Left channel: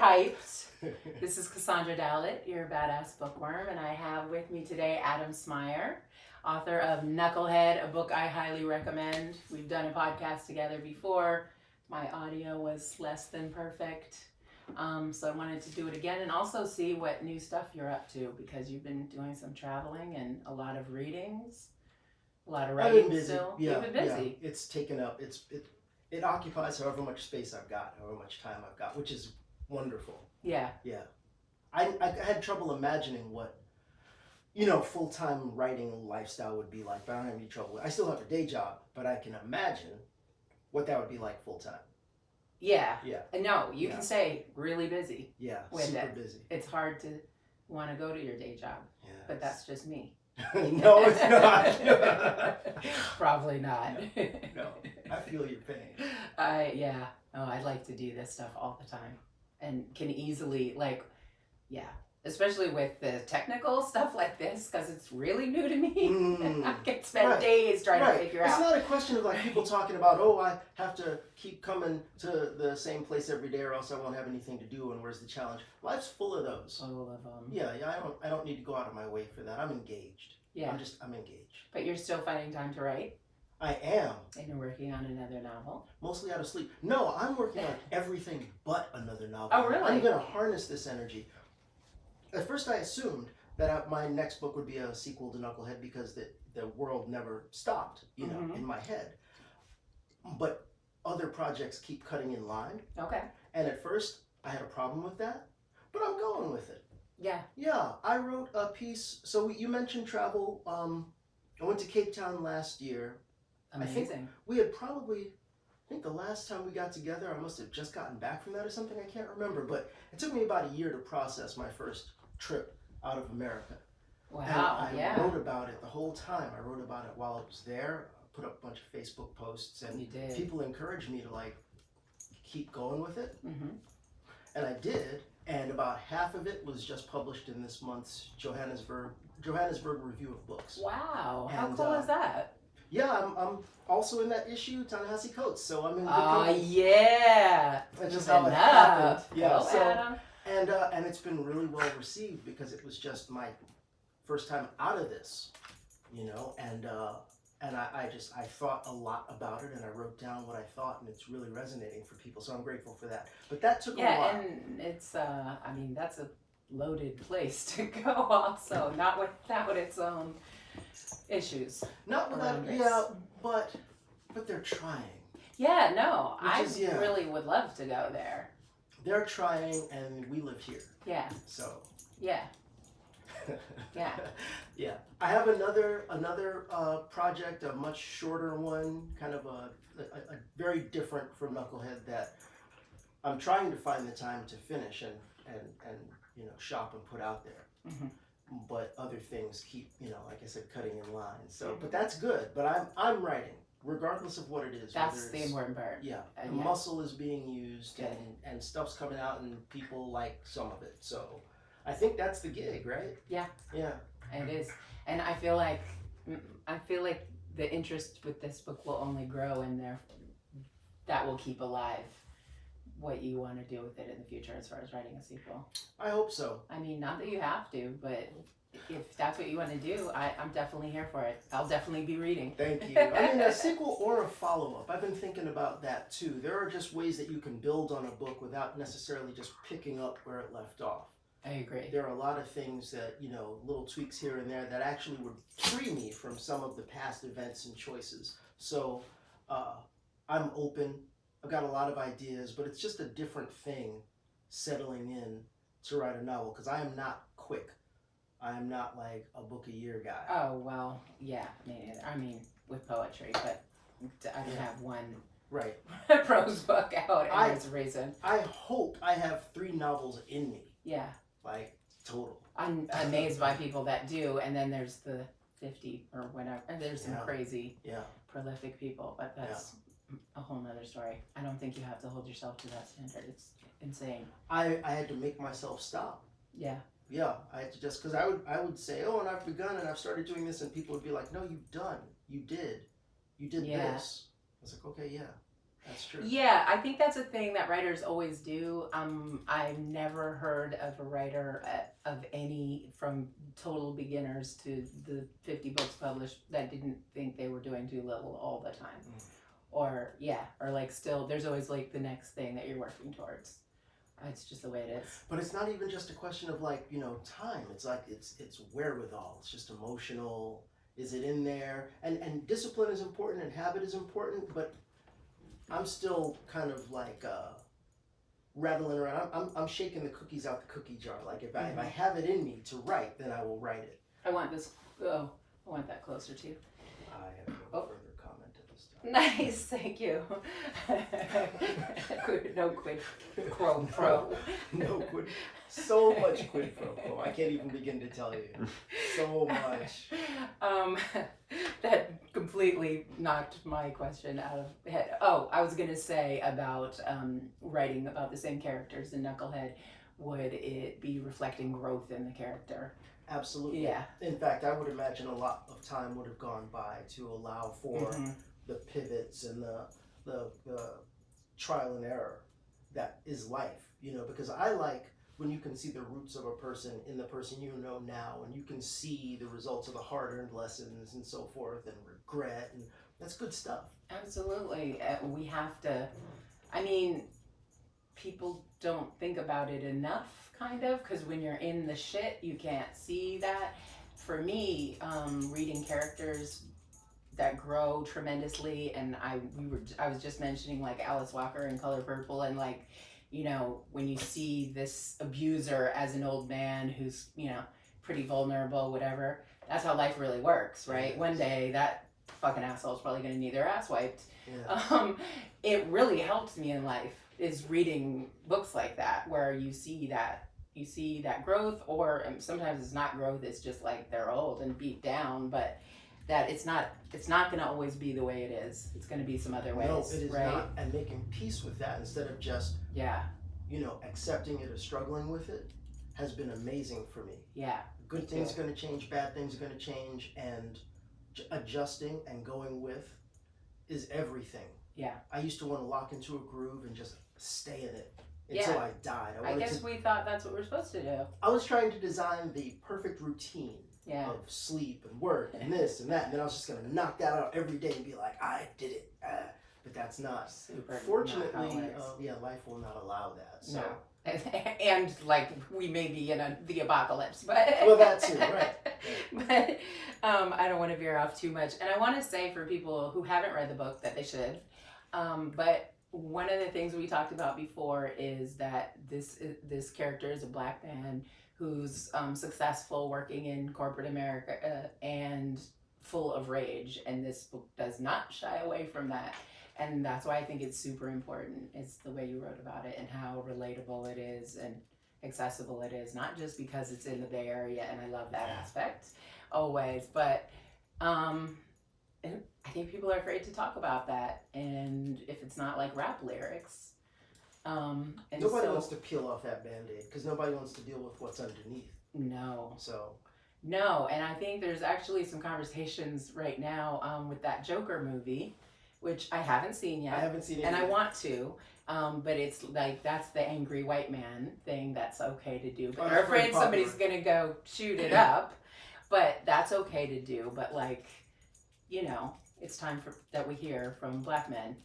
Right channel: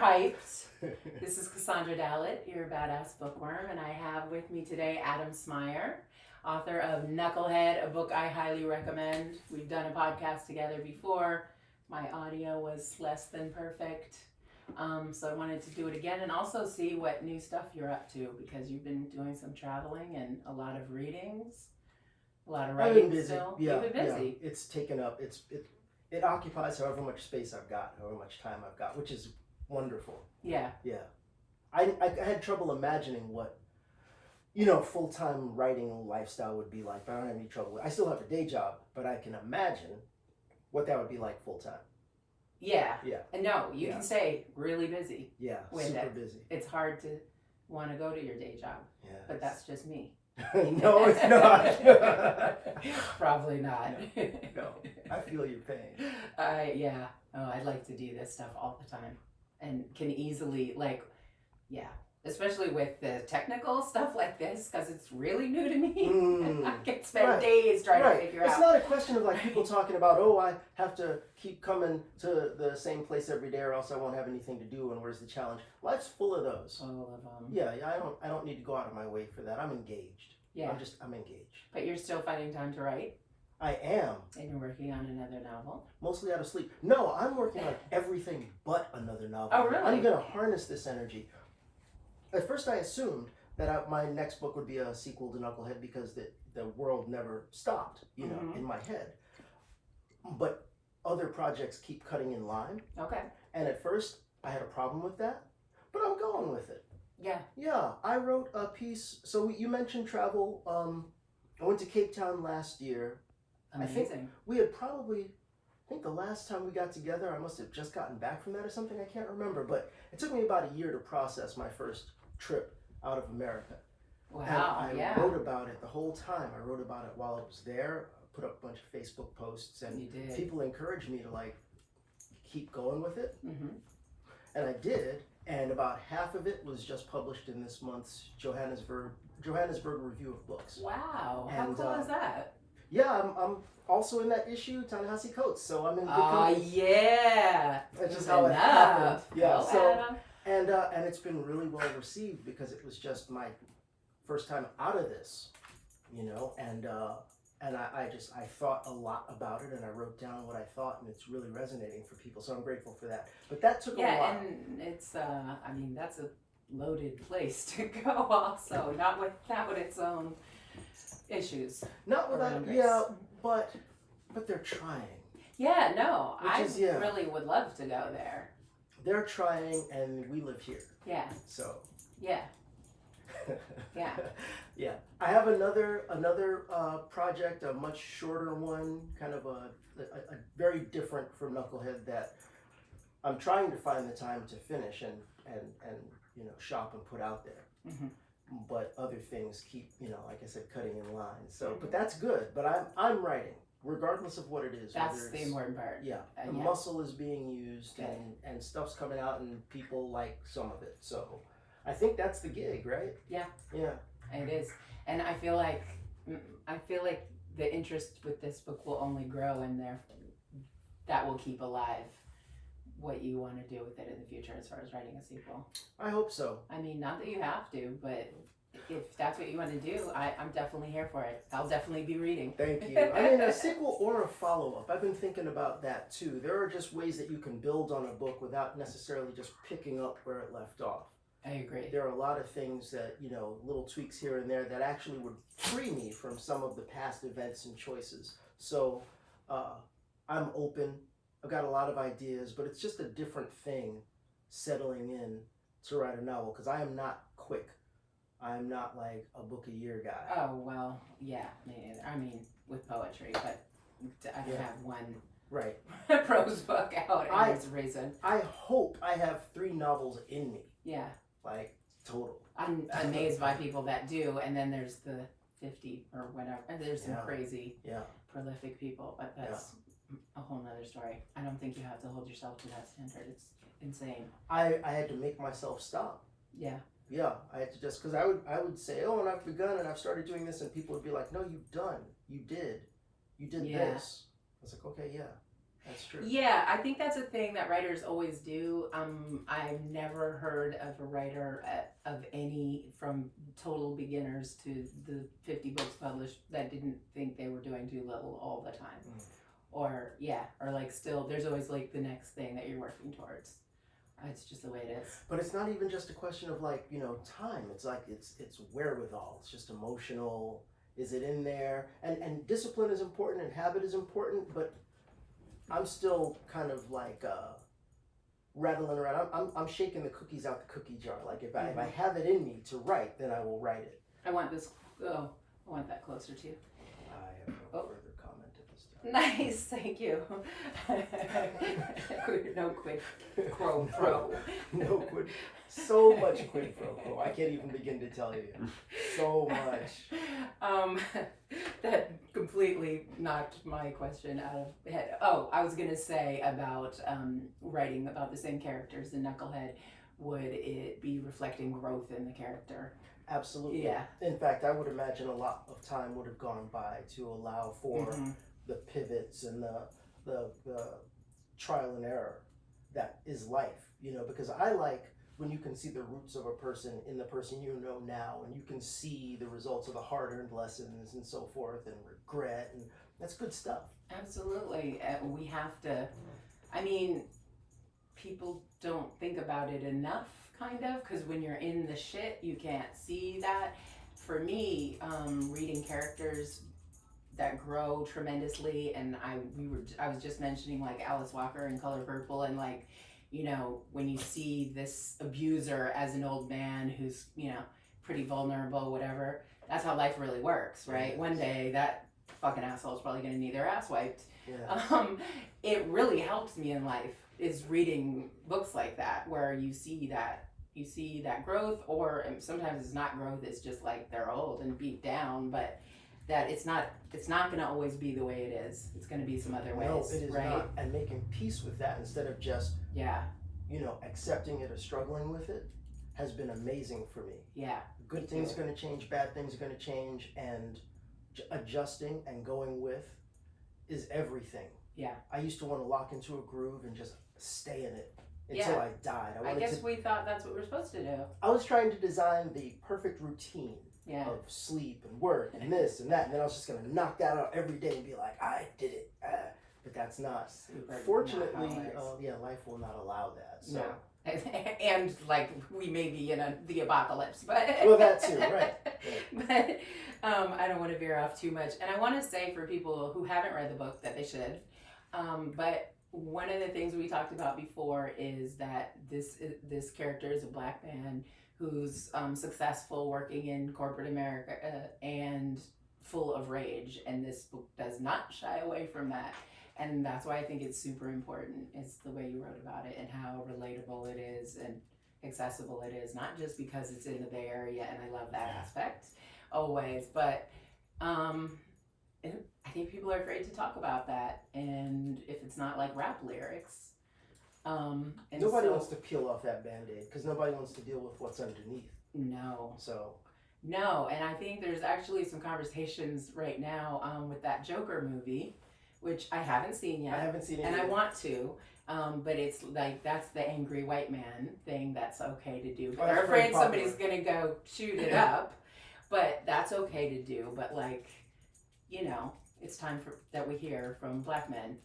hyped. This is Cassandra Dallett, your badass bookworm, and I have with me today Adam Smyer, author of Knucklehead, a book I highly recommend. We've done a podcast together before. My audio was less than perfect, so I wanted to do it again and also see what new stuff you're up to, because you've been doing some traveling and a lot of readings, a lot of writing still. Yeah, You've been busy. Yeah. It's taken up. It occupies however much space I've got, however much time I've got, which is wonderful. Yeah. Yeah. I had trouble imagining what, full-time writing lifestyle would be like, but I don't have any trouble. I still have a day job, but I can imagine what that would be like full-time. Yeah. Yeah. No, you can say really busy. Yeah, with super it. busy. It's hard to want to go to your day job, Yeah. but that's just me. No, it's not. Probably not. No, I feel your pain. I like to do this stuff all the time, and can easily especially with the technical stuff like this, because it's really new to me. I can spend days trying to figure out. It's not a question of like people talking about, I have to keep coming to the same place every day or else I won't have anything to do, and where's the challenge? Life's full of those. Full of them. Yeah, I don't need to go out of my way for that. I'm engaged. Yeah. I'm engaged. But you're still finding time to write? I am. And you're working on another novel? Mostly out of sleep. No, I'm working on everything but another novel. Oh, really? I'm going to harness this energy. At first I assumed that my next book would be a sequel to Knucklehead because the world never stopped, in my head. But other projects keep cutting in line. Okay. And at first I had a problem with that, but I'm going with it. Yeah. Yeah, I wrote a piece. So you mentioned travel. I went to Cape Town last year. Amazing. I think we had I think the last time we got together, I must have just gotten back from that or something. I can't remember, but it took me about a year to process my first trip out of America. Wow, and I wrote about it the whole time. I wrote about it while I was there. I put up a bunch of Facebook posts, and people encouraged me to keep going with it. Mm-hmm. And I did, and about half of it was just published in this month's Johannesburg Review of Books. Wow, how cool is that? Yeah, I'm also in that issue, Ta-Nehisi Coates, so I'm in good company. Yeah. That's just how it happened. Yeah, Well, Adam. And it's been really well received because it was just my first time out of this, and I thought a lot about it, and I wrote down what I thought, and it's really resonating for people, so I'm grateful for that. But that took a while. Yeah, and it's that's a loaded place to go also, not without its own issues. Not without, but they're trying. Yeah, no, I really would love to go there. They're trying, and we live here. Yeah. So. Yeah. Yeah. Yeah. I have another project, a much shorter one, kind of a very different from Knucklehead that I'm trying to find the time to finish and shop and put out there. Mm-hmm. But other things keep, like I said, cutting in line. So, but that's good. But I'm writing, regardless of what it is. That's the important part. Yeah, the muscle is being used, and stuff's coming out, and people like some of it. So, I think that's the gig, right? Yeah. Yeah. It is, and I feel like the interest with this book will only grow, and that will keep alive what you want to do with it in the future as far as writing a sequel. I hope so. I mean, not that you have to, but if that's what you want to do, I'm definitely here for it. I'll definitely be reading. Thank you. I mean, a sequel or a follow-up. I've been thinking about that too. There are just ways that you can build on a book without necessarily just picking up where it left off. I agree. There are a lot of things that, little tweaks here and there that actually would free me from some of the past events and choices. So I'm open. I've got a lot of ideas, but it's just a different thing settling in to write a novel because I am not quick. I am not like a book a year guy. Oh, well, yeah. I mean, with poetry, but I don't have one prose book out, and there's a reason. I hope I have 3 novels in me. Yeah. Like, total. I'm amazed by people that do, and then there's the 50 or whatever. And there's some crazy, prolific people, but that's a whole nother story. I don't think you have to hold yourself to that standard. It's insane. I had to make myself stop. Yeah. Yeah, I had to just, because I would say, and I've begun and I've started doing this, and people would be like, no, you've done. You did this. I was like, okay, yeah. That's true. Yeah, I think that's a thing that writers always do. I've never heard of a writer of any, from total beginners to the 50 books published, that didn't think they were doing Doolittle all the time. Or like still, there's always like the next thing that you're working towards. It's just the way it is. But it's not even just a question of like, time. It's like it's wherewithal. It's just emotional. Is it in there? And discipline is important and habit is important, but I'm still kind of like rattling around. I'm shaking the cookies out the cookie jar. Like if I have it in me to write, then I will write it. I want this. I want that closer too. I have no further comment at this time. Nice, thank you. No quid pro pro. No quid. So much quid pro quo. I can't even begin to tell you. So much. That completely knocked my question out of head. Oh, I was gonna say about writing about the same characters in Knucklehead. Would it be reflecting growth in the character? Absolutely. Yeah. In fact, I would imagine a lot of time would have gone by to allow for the pivots and the trial and error that is life. Because I like when you can see the roots of a person in the person you know now, and you can see the results of the hard-earned lessons and so forth, and regret, and that's good stuff. Absolutely. We have to, people don't think about it enough, kind of, because when you're in the shit, you can't see that. For me, reading characters that grow tremendously, and I was just mentioning like Alice Walker in Color Purple, and like, when you see this abuser as an old man who's, pretty vulnerable, whatever, that's how life really works, right? One day that fucking asshole's probably gonna need their ass wiped. Yeah. It really helps me in life is reading books like that, where you see that growth, or sometimes it's not growth, it's just like they're old and beat down, but that it's not gonna always be the way it is. It's gonna be some other ways. No, it is right? not. And making peace with that instead of just accepting it or struggling with it has been amazing for me. Yeah. Good things are going to change, bad things are going to change, and adjusting and going with is everything. Yeah. I used to want to lock into a groove and just stay in it until I died. I guess we thought that's what we're supposed to do. I was trying to design the perfect routine of sleep and work and this and that, and then I was just going to knock that out every day and be like, I did it. But that's not. Fortunately, life will not allow that. So. No. And like we may be in the apocalypse, but well, that too, right. But I don't want to veer off too much, and I want to say for people who haven't read the book that they should. But one of the things we talked about before is that this character is a black man who's successful working in corporate America and full of rage, and this book does not shy away from that. And that's why I think it's super important. It's the way you wrote about it and how relatable it is and accessible it is. Not just because it's in the Bay Area, and I love that aspect always, but I think people are afraid to talk about that. And if it's not like rap lyrics, and nobody wants to peel off that Band-Aid because nobody wants to deal with what's underneath. No. No, and I think there's actually some conversations right now with that Joker movie, which I haven't seen yet. I haven't seen it and yet. I want to, but it's like that's the angry white man thing that's okay to do. But they're afraid somebody's gonna go shoot it up, but that's okay to do. But like, it's time that we hear from black men,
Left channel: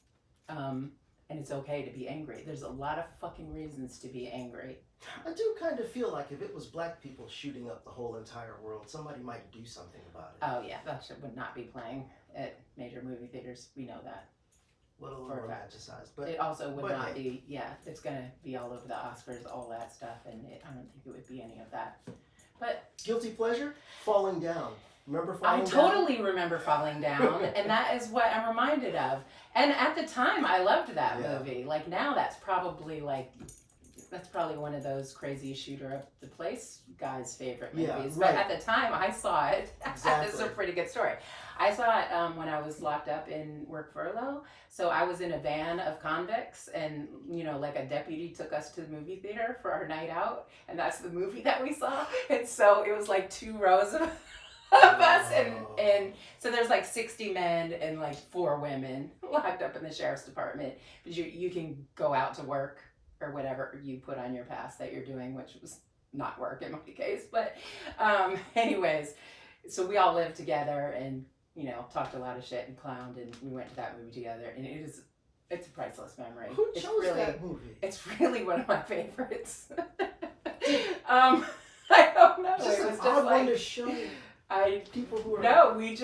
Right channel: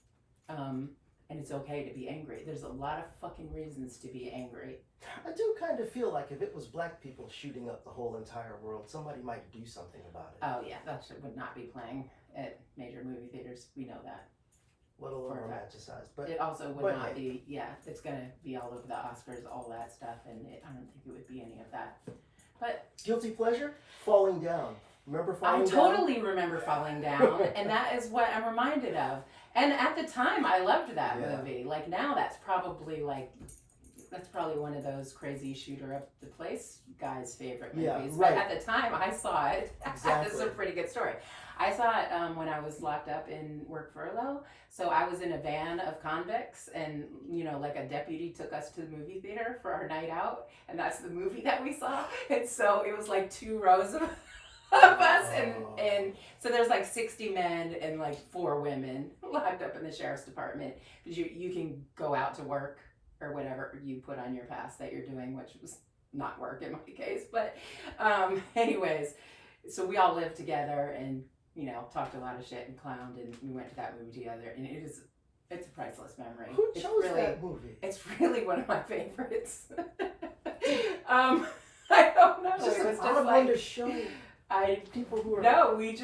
and it's okay to be angry. There's a lot of fucking reasons to be angry. I do kind of feel like if it was black people shooting up the whole entire world, somebody might do something about it. Oh yeah, that shit would not be playing at major movie theaters. We know that. A little romanticized, but it also would not be. Yeah, it's gonna be all over the Oscars, all that stuff, and I don't think it would be any of that. But guilty pleasure, Falling Down. Remember Falling Down? I totally remember Falling Down, and that is what I'm reminded of. And at the time, I loved that movie. Like now, that's probably one of those crazy shooter up the place guys' favorite movies. Yeah, right. But at the time, I saw it. Exactly. It's a pretty good story. I saw it when I was locked up in work furlough. So I was in a van of convicts, and like a deputy took us to the movie theater for our night out, and that's the movie that we saw. And so it was like 2 rows of of us, and so there's like 60 men and like 4 women locked up in the sheriff's department. But you can go out to work or whatever you put on your pass that you're doing, which was not work in my case. But anyways, so we all lived together and talked a lot of shit and clowned, and we went to that movie together, and it's a priceless memory. Who chose that movie? It's really one of my favorites. I don't know. Just it an was odd one to show people who are. No, we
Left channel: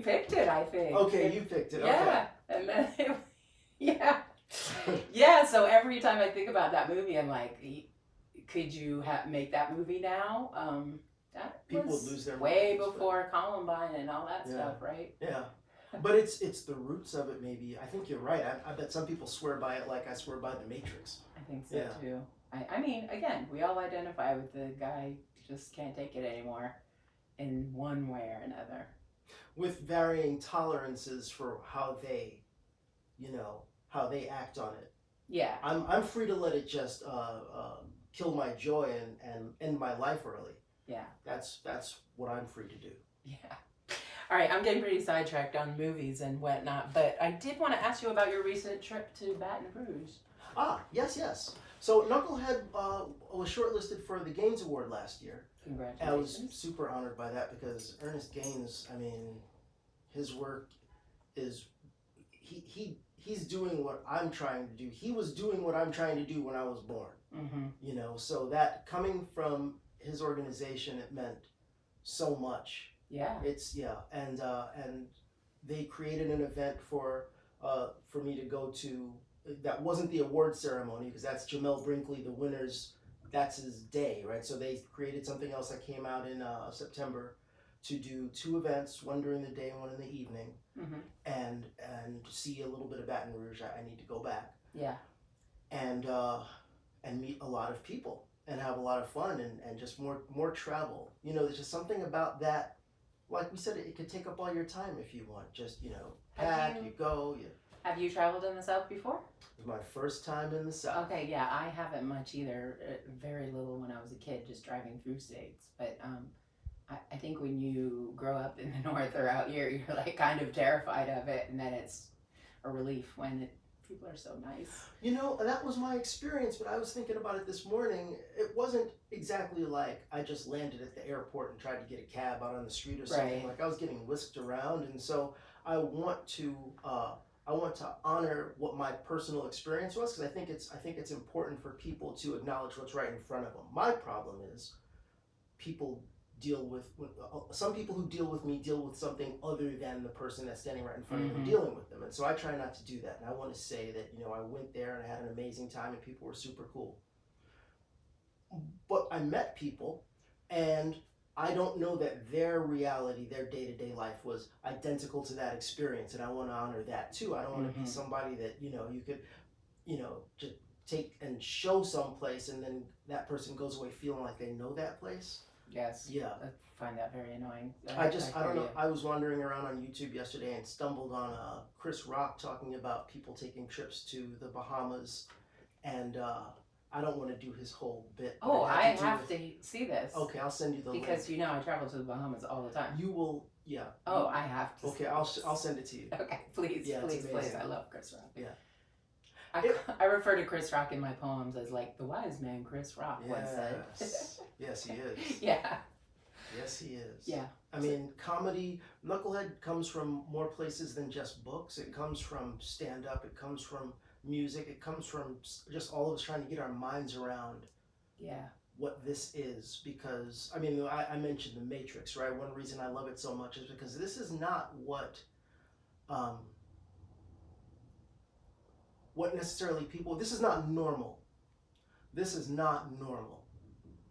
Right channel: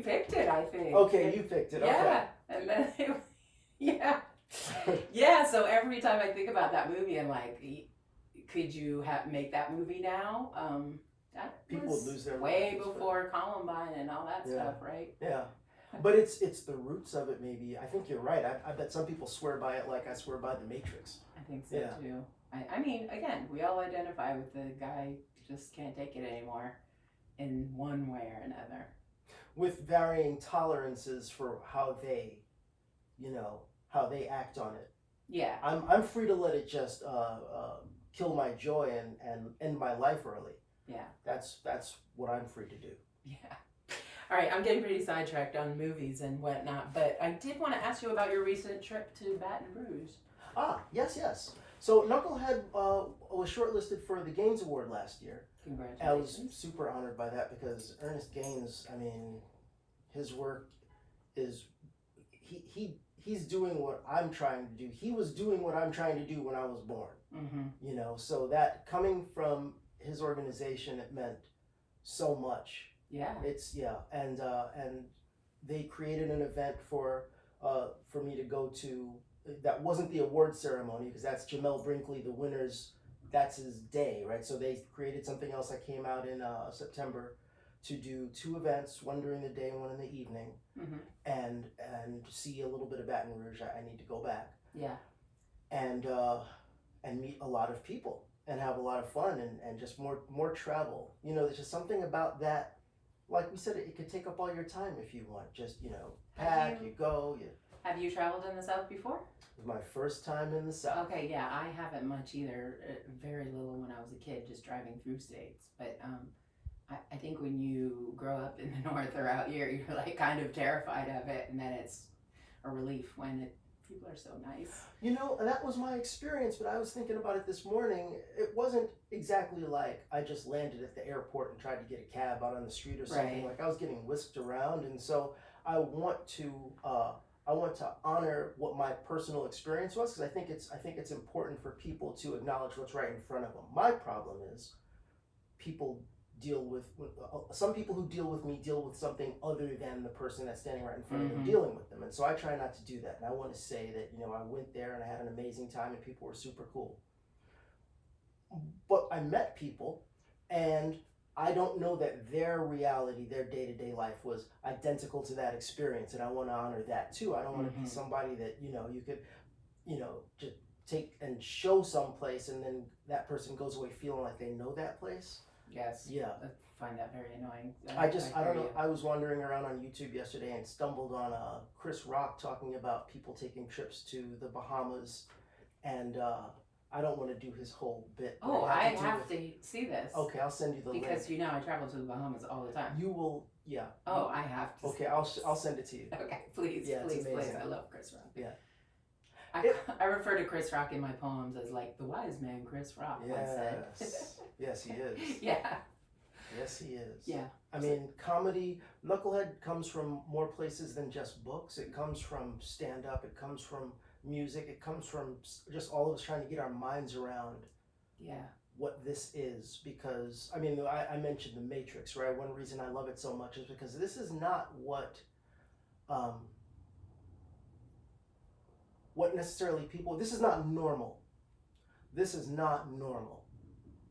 picked it. I think. Okay, you picked it. Yeah, okay. and then yeah. So every time I think about that movie, I'm like, could you make that movie now? That people was would lose their way minds, before Columbine and all that stuff, right? Yeah. But it's the roots of it. Maybe I think you're right. I bet some people swear by it like I swear by the Matrix. I think so too. I mean, again, we all identify with the guy who just can't take it anymore, in one way or another. With varying tolerances for how they act on it. Yeah. I'm free to let it just kill my joy and end my life early. Yeah. That's what I'm free to do. Yeah. All right, I'm getting pretty sidetracked on movies and whatnot, but I did want to ask you about your recent trip to Baton Rouge. Yes. So Knucklehead was shortlisted for the Gaines Award last year. Congratulations. I was super honored by that because Ernest Gaines, I mean, his work is he's doing what I'm trying to do. He was doing what I'm trying to do when I was born. Mm-hmm. So that coming from his organization, it meant so much. Yeah. And they created an event for me to go to. That wasn't the award ceremony because that's Jamel Brinkley, the winners. That's his day, right? So they created something else that came out in September to do 2 events, one during the day and one in the evening, and see a little bit of Baton Rouge. I need to go back. Yeah. And meet a lot of people and have a lot of fun and just more travel. There's just something about that. Like we said, it could take up all your time if you want. Just pack, you go. Have you traveled in the South before? It was my first time in the South. Okay, yeah, I haven't much either. Very little when I was a kid, just driving through states. But I think when you grow up in the North or out here, you're like kind of terrified of it, and then it's a relief when people are so nice. That was my experience, but I was thinking about it this morning. It wasn't exactly like I just landed at the airport and tried to get a cab out on the street or something. Right. Like I was getting whisked around, and so I want to honor what my personal experience was because I think it's important for people to acknowledge what's right in front of them. My problem is some people who deal with me deal with something other than the person that's standing right in front of them dealing with them, and so I try not to do that. And I want to say that I went there and I had an amazing time and people were super cool. But I met people, and I don't know that their reality, their day-to-day life was identical to that experience, and I want to honor that too. I don't want to be somebody that you could just take and show someplace and then that person goes away feeling like they know that place. Yes. Yeah. I find that very annoying. I don't know. I was wandering around on YouTube yesterday and stumbled on Chris Rock talking about people taking trips to the Bahamas, and I don't want to do his whole bit. Oh, I have to see this. Okay, I'll send you the link. Because I travel to the Bahamas all the time. You will, yeah. Oh, I have to. Okay, I'll send it to you. Okay, please, yeah, please. I love Chris Rock. Yeah. I refer to Chris Rock in my poems as like the wise man Chris Rock once said. Yes, he is. Yeah. Yes, he is. Yeah. I mean, comedy, Knucklehead comes from more places than just books. It comes from stand-up. It comes from music. It comes from just all of us trying to get our minds around what this is. Because, I mean, I mentioned The Matrix, right? One reason I love it so much is because this is not what necessarily people, this is not normal. This is not normal.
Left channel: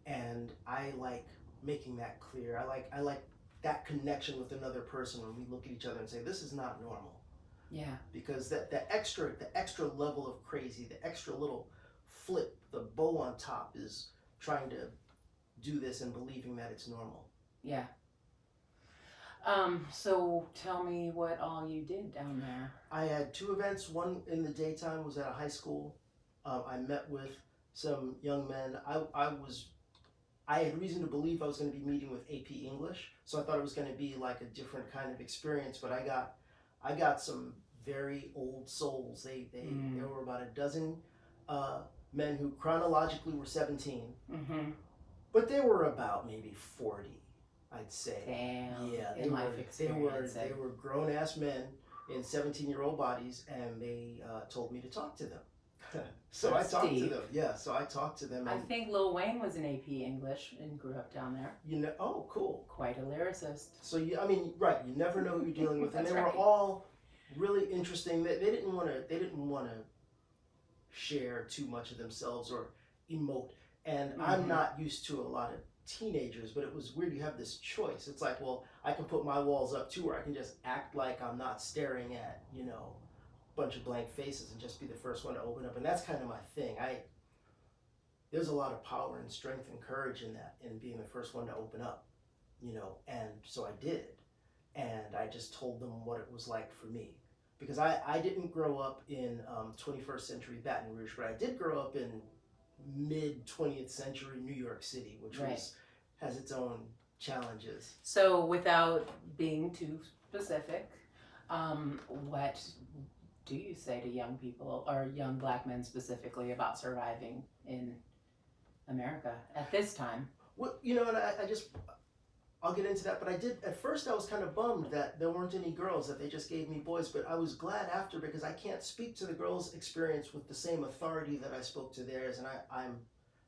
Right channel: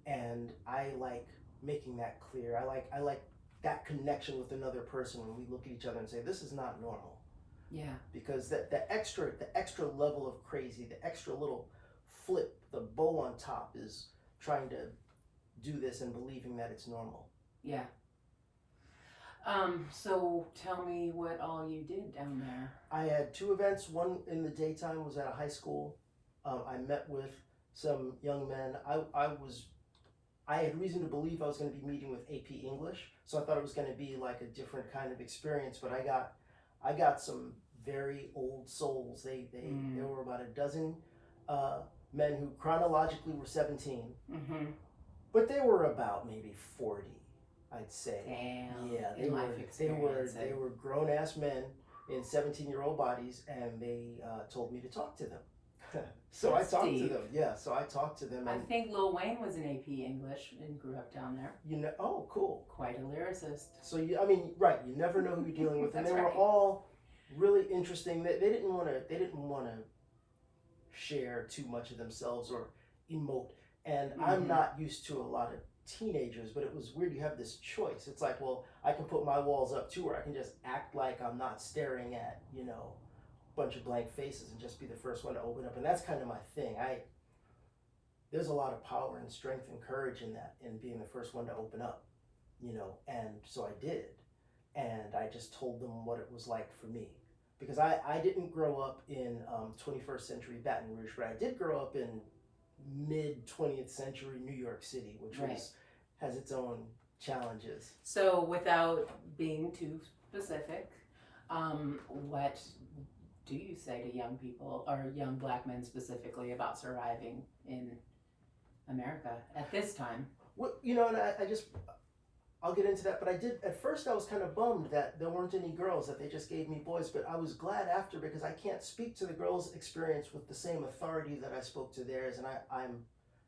And I like making that clear. I like that connection with another person when we look at each other and say, this is not normal. Yeah. Because the extra level of crazy, the extra little flip, the bow on top is trying to do this and believing that it's normal. Yeah. So tell me what all you did down there. I had 2 events. One in the daytime was at a high school. I met with some young men. I was I had reason to believe I was going to be meeting with AP English, so I thought it was going to be like a different kind of experience. But I got some very old souls. There were about a dozen men who chronologically were 17, but they were about maybe 40, I'd say. Damn. Yeah, they were grown ass men in 17-year-old bodies, and they told me to talk to them. So That's I talked deep. to them. Yeah, so I talked to them. I And think Lil Wayne was an AP English and grew up down there. oh, cool. Quite a lyricist. So right, you never know who you're dealing with, and they were That's right. all really interesting. They didn't want to share too much of themselves or emote. And I'm not used to a lot of teenagers, but it was weird. You have this choice. It's like, well, I can put my walls up too, or I can just act like I'm not staring at, bunch of blank faces and just be the first one to open up. And that's kind of my thing. There's a lot of power and strength and courage in that, in being the first one to open up, and so I did. And I just told them what it was like for me. Because I didn't grow up in 21st century Baton Rouge, but I did grow up in mid 20th century New York City, which has its own challenges. So without being too specific, what do you say to young people, or young black men specifically, about surviving in America at this time? Well, and I'll get into that, but at first I was kind of bummed that there weren't any girls, that they just gave me boys, but I was glad after, because I can't speak to the girls' experience with the same authority that I spoke to theirs, and I'm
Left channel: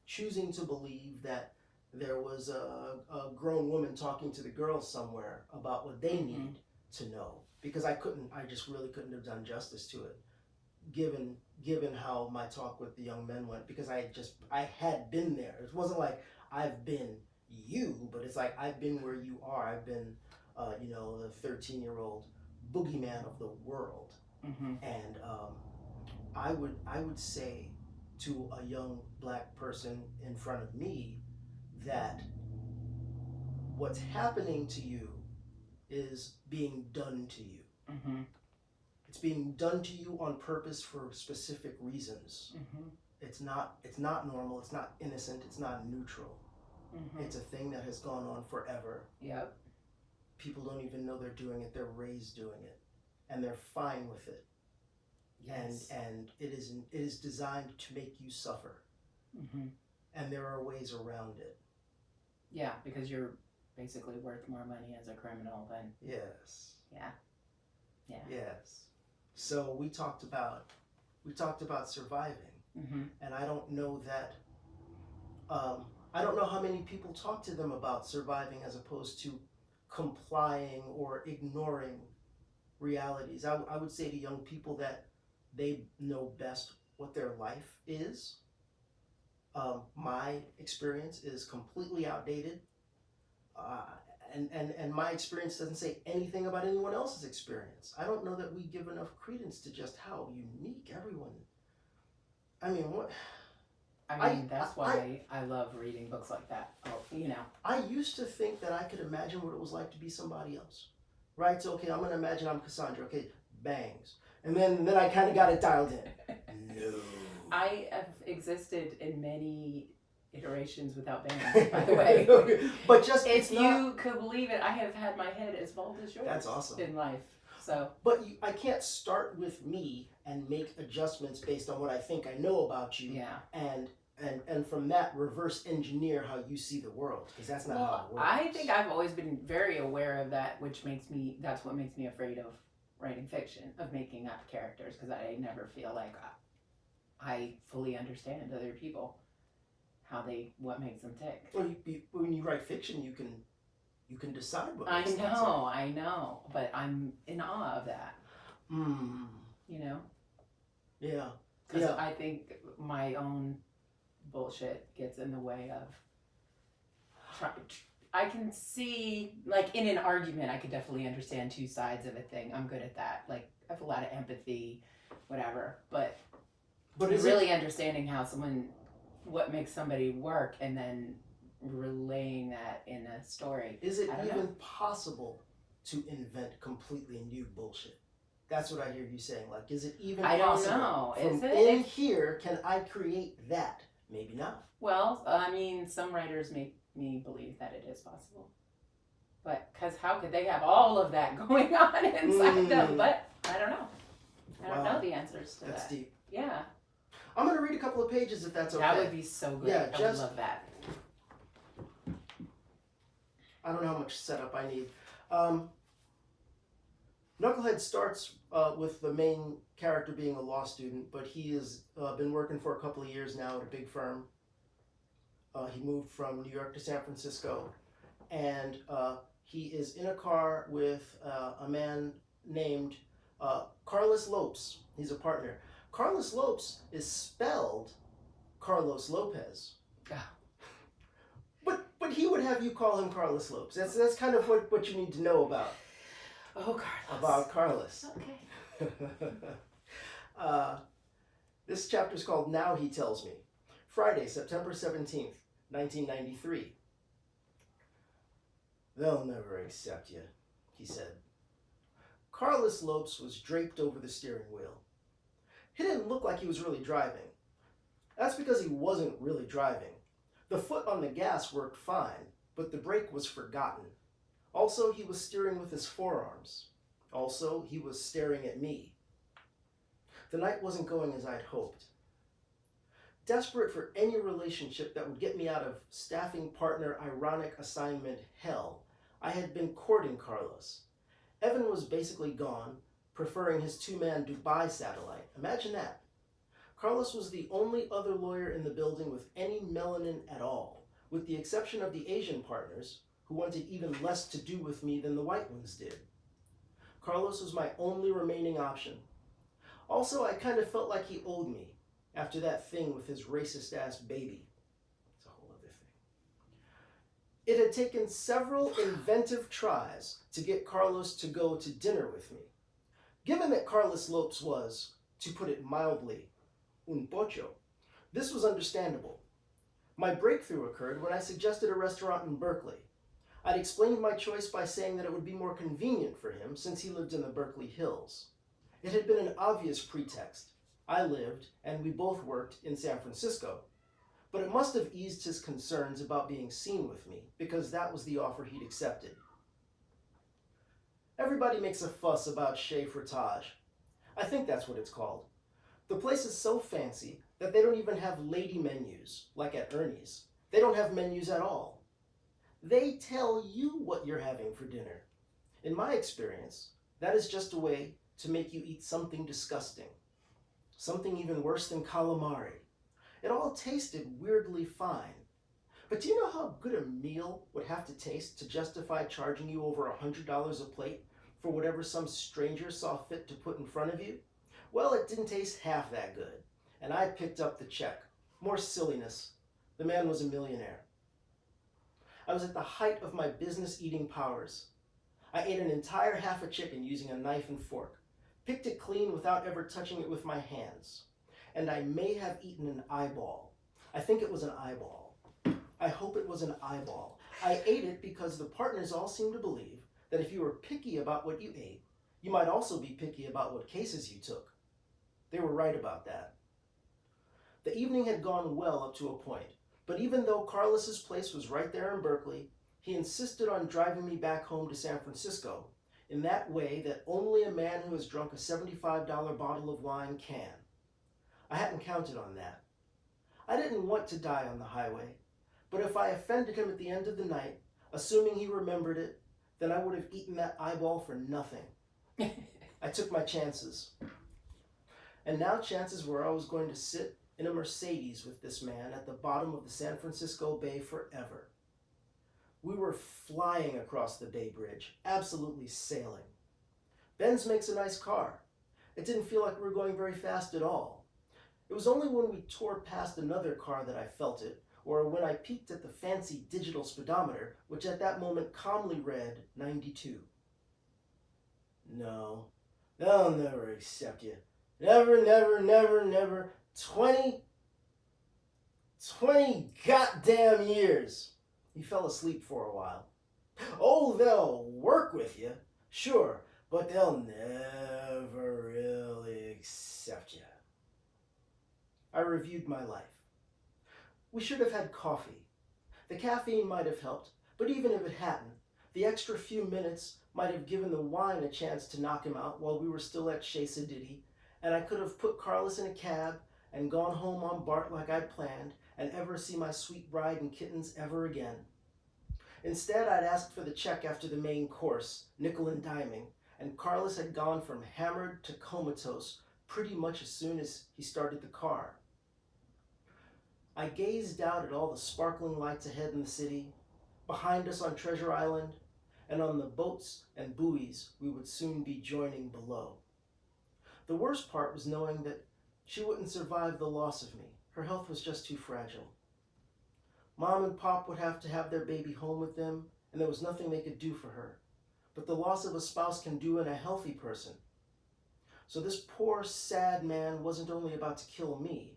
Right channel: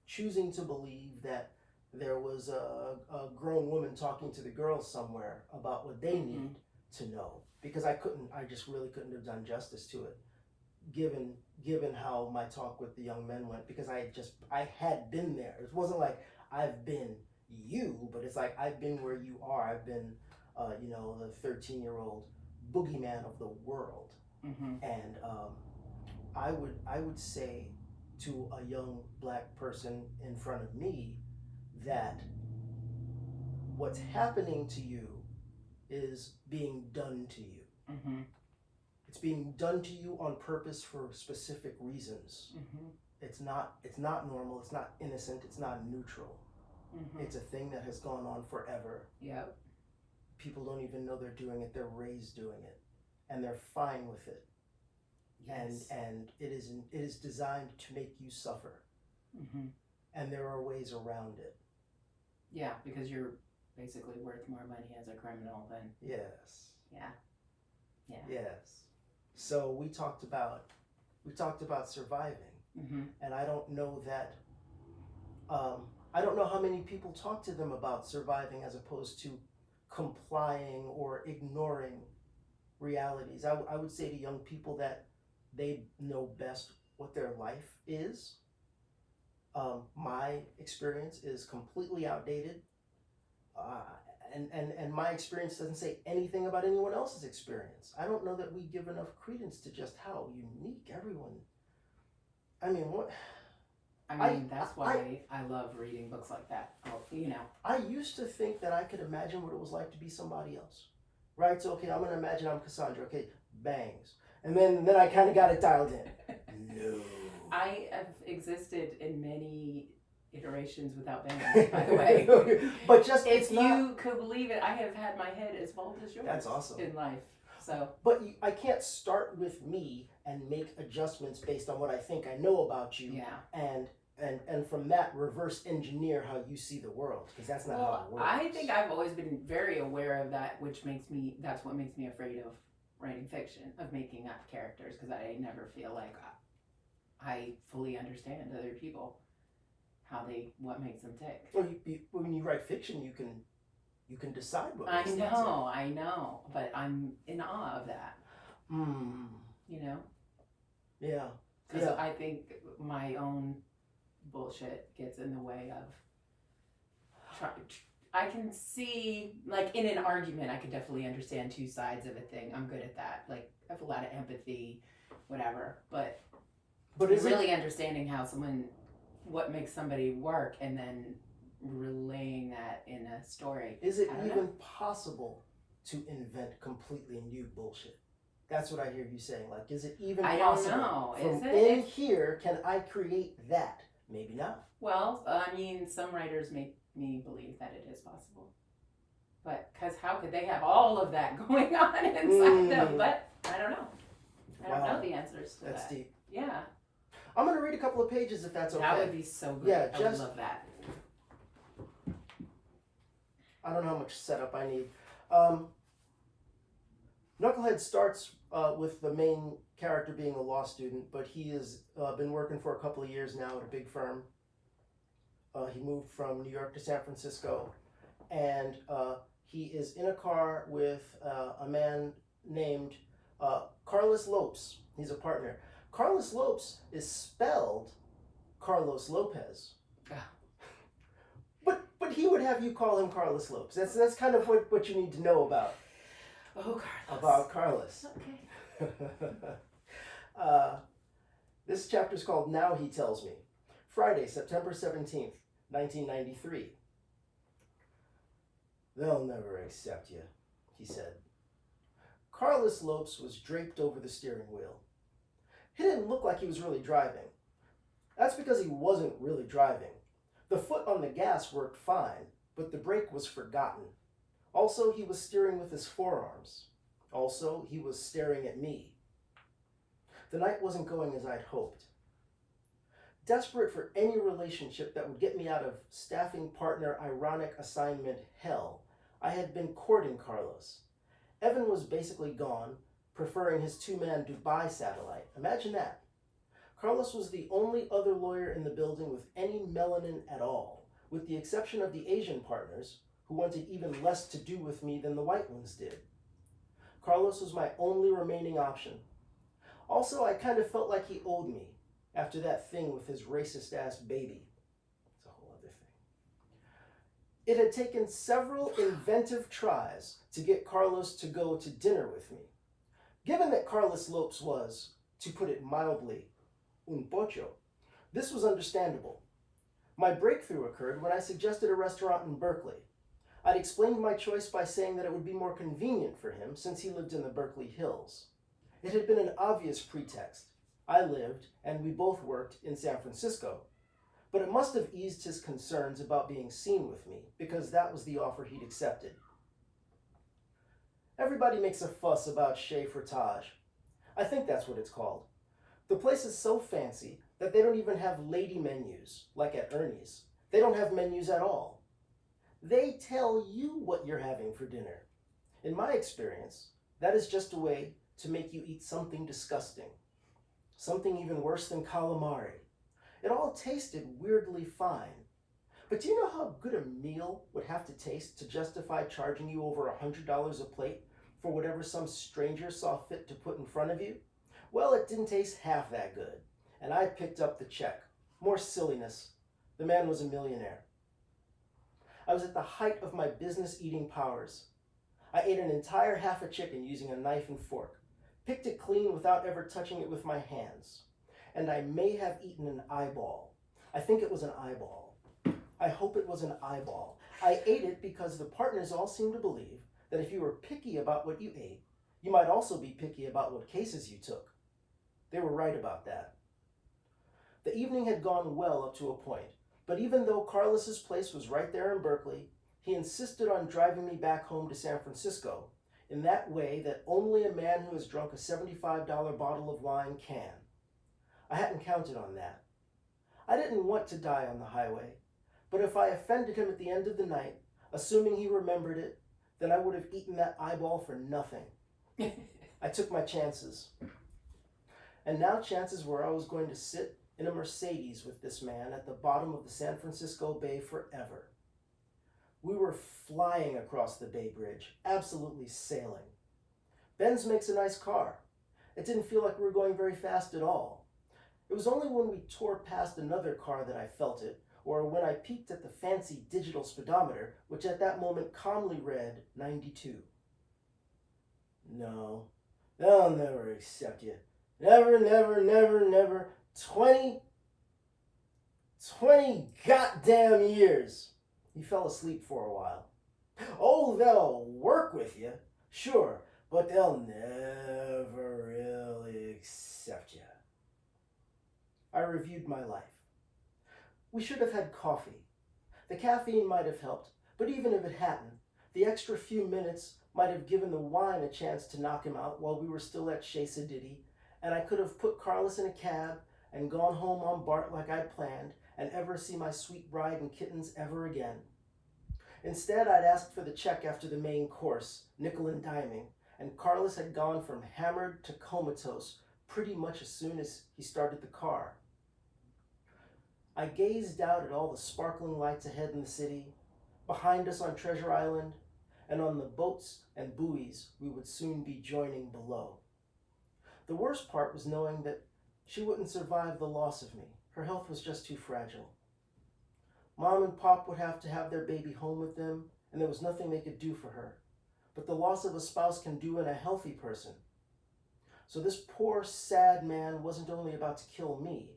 choosing to believe that there was a grown woman talking to the girls somewhere about what they need to know, because I just really couldn't have done justice to it, given how my talk with the young men went, because I had been there. It wasn't like I've been you, but it's like I've been where you are. I've been, the 13-year-old boogeyman of the world, and I would say to a young black person in front of me that what's happening to you is being done to you. It's being done to you on purpose for specific reasons. It's not normal. It's not innocent. It's not neutral. It's a thing that has gone on forever. Yep. People don't even know they're doing it. They're raised doing it, and they're fine with it. Yes. And it is designed to make you suffer. And there are ways around it. Yeah, because you're basically worth more money as a criminal than. Yes. Yeah. Yeah. Yes. So we talked about surviving, and I don't know that. I don't know how many people talk to them about surviving as opposed to complying or ignoring realities. I would say to young people that they know best what their life is. My experience is completely outdated, and my experience doesn't say anything about anyone else's experience. I don't know that we give enough credence to just how unique everyone. I mean, what? That's why I love reading books like that. I used to think that I could imagine what it was like to be somebody else, right? So, okay, I'm going to imagine I'm Cassandra. Okay, bangs. And then I kind of got it dialed in. No. I have existed in many iterations without bangs, by the way. But just, if you could believe it, I have had my head as bald as yours. That's awesome. In life. So. But I can't start with me and make adjustments based on what I think I know about you. Yeah. And from that reverse engineer how you see the world, because that's not how it works. I think I've always been very aware of that, that's what makes me afraid of writing fiction, of making up characters, because I never feel like I fully understand other people, what makes them tick. Well, when you write fiction, you can decide what makes them tick. I know, but I'm in awe of that. Yeah. Because I think my own bullshit gets in the way of I can see, like, in an argument, I could definitely understand two sides of a thing. I'm good at that. Like, I have a lot of empathy, whatever. But is really understanding what makes somebody work, and then relaying that in a story. Is it even possible to invent completely new bullshit? That's what I hear you saying. Like, is it even possible? I don't know. From in here, can I create that? maybe not. Well, I mean, some writers make me believe that it is possible. But, because how could they have all of that going on inside them? But, I don't know. I don't know the answers to That's that. deep. Yeah. I'm going to read a couple of pages if that's okay. That would be so good. Yeah, I would love that. I don't know how much setup I need. Knucklehead starts with the main character being a law student, but he has been working for a couple of years now at a big firm. He moved from New York to San Francisco, and he is in a car with a man named Carlos Lopes. He's a partner. Carlos Lopes is spelled Carlos Lopez. But he would have you call him Carlos Lopes. That's kind of what you need to know about. Oh, Carlos. About Carlos. Okay. This chapter is called Now He Tells Me. Friday, September 17th, 1993. They'll never accept you, he said. Carlos Lopes was draped over the steering wheel. He didn't look like he was really driving. That's because he wasn't really driving. The foot on the gas worked fine, but the brake was forgotten. Also, he was steering with his forearms. Also, he was staring at me. The night wasn't going as I'd hoped. Desperate for any relationship that would get me out of staffing partner ironic assignment hell, I had been courting Carlos. Evan was basically gone, preferring his two-man Dubai satellite. Imagine that. Carlos was the only other lawyer in the building with any melanin at all, with the exception of the Asian partners, who wanted even less to do with me than the white ones did. Carlos was my only remaining option. Also, I kind of felt like he owed me, after that thing with his racist-ass baby. It's a whole other thing. It had taken several inventive tries to get Carlos to go to dinner with me. Given that Carlos Lopes was, to put it mildly, un pocho, this was understandable. My breakthrough occurred when I suggested a restaurant in Berkeley. I'd explained my choice by saying that it would be more convenient for him since he lived in the Berkeley Hills. It had been an obvious pretext. I lived, and we both worked, in San Francisco. But it must have eased his concerns about being seen with me, because that was the offer he'd accepted. Everybody makes a fuss about Chez Fromage. I think that's what it's called. The place is so fancy that they don't even have lady menus, like at Ernie's. They don't have menus at all. They tell you what you're having for dinner. In my experience, that is just a way to make you eat something disgusting. Something even worse than calamari. It all tasted weirdly fine. But do you know how good a meal would have to taste to justify charging you over $100 a plate for whatever some stranger saw fit to put in front of you? Well, it didn't taste half that good, and I picked up the check. More silliness. The man was a millionaire. I was at the height of my business eating powers. I ate an entire half a chicken using a knife and fork, picked it clean without ever touching it with my hands, and I may have eaten an eyeball. I think it was an eyeball. I hope it was an eyeball. I ate it because the partners all seemed to believe that if you were picky about what you ate, you might also be picky about what cases you took. They were right about that. The evening had gone well up to a point, but even though Carlos's place was right there in Berkeley, he insisted on driving me back home to San Francisco in that way that only a man who has drunk a $75 bottle of wine can. I hadn't counted on that. I didn't want to die on the highway, but if I offended him at the end of the night, assuming he remembered it, then I would have eaten that eyeball for nothing. I took my chances. And now chances were I was going to sit in a Mercedes with this man at the bottom of the San Francisco Bay forever. We were flying across the Bay Bridge, absolutely sailing. Benz makes a nice car. It didn't feel like we were going very fast at all. It was only when we tore past another car that I felt it, or when I peeked at the fancy digital speedometer, which at that moment calmly read 92. No, they'll never accept you. Never, never, never, never. 20 goddamn years. He fell asleep for a while. Oh, they'll work with you, sure, but they'll never really accept you. I reviewed my life. We should have had coffee. The caffeine might have helped, but even if it hadn't, the extra few minutes might have given the wine a chance to knock him out while we were still at Chez Sediti, and I could have put Carlos in a cab and gone home on BART like I'd planned, and ever see my sweet bride and kittens ever again. Instead, I'd asked for the check after the main course, nickel and diming, and Carlos had gone from hammered to comatose pretty much as soon as he started the car. I gazed out at all the sparkling lights ahead in the city, behind us on Treasure Island, and on the boats and buoys we would soon be joining below. The worst part was knowing that she wouldn't survive the loss of me. Her health was just too fragile. Mom and Pop would have to have their baby home with them, and there was nothing they could do for her. But the loss of a spouse can do in a healthy person. So this poor, sad man wasn't only about to kill me,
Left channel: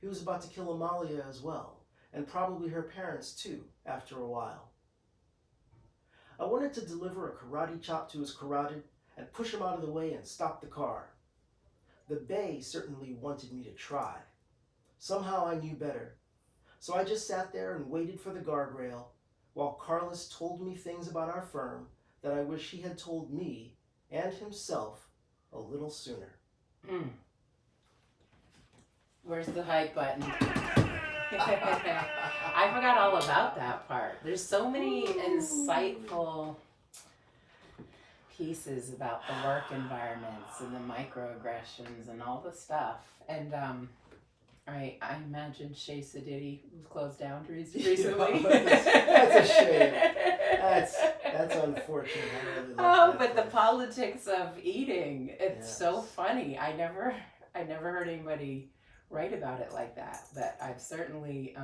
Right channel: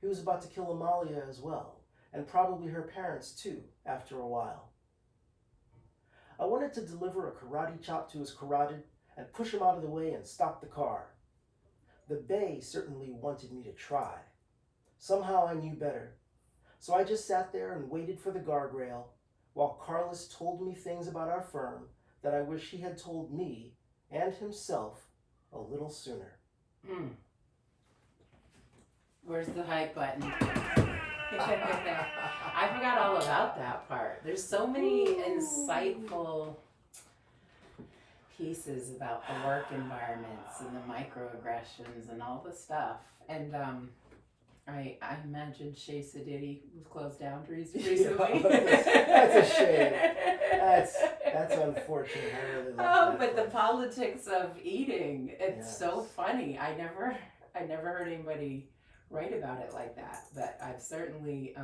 he was about to kill Amalia as well, and probably her parents too, after a while. I wanted to deliver a karate chop to his carotid and push him out of the way and stop the car. The Bay certainly wanted me to try. Somehow I knew better. So I just sat there and waited for the guardrail while Carlos told me things about our firm that I wish he had told me and himself a little sooner. Where's the hype button? I forgot all about that part. There's so many insightful pieces about the work environments and the microaggressions and all the stuff. And I imagine Chez Sediti was closed down recently. That's a shame. That's unfortunate. I really love that but the place. politics of eating, it's so funny. I never heard anybody write about it like that, but I've certainly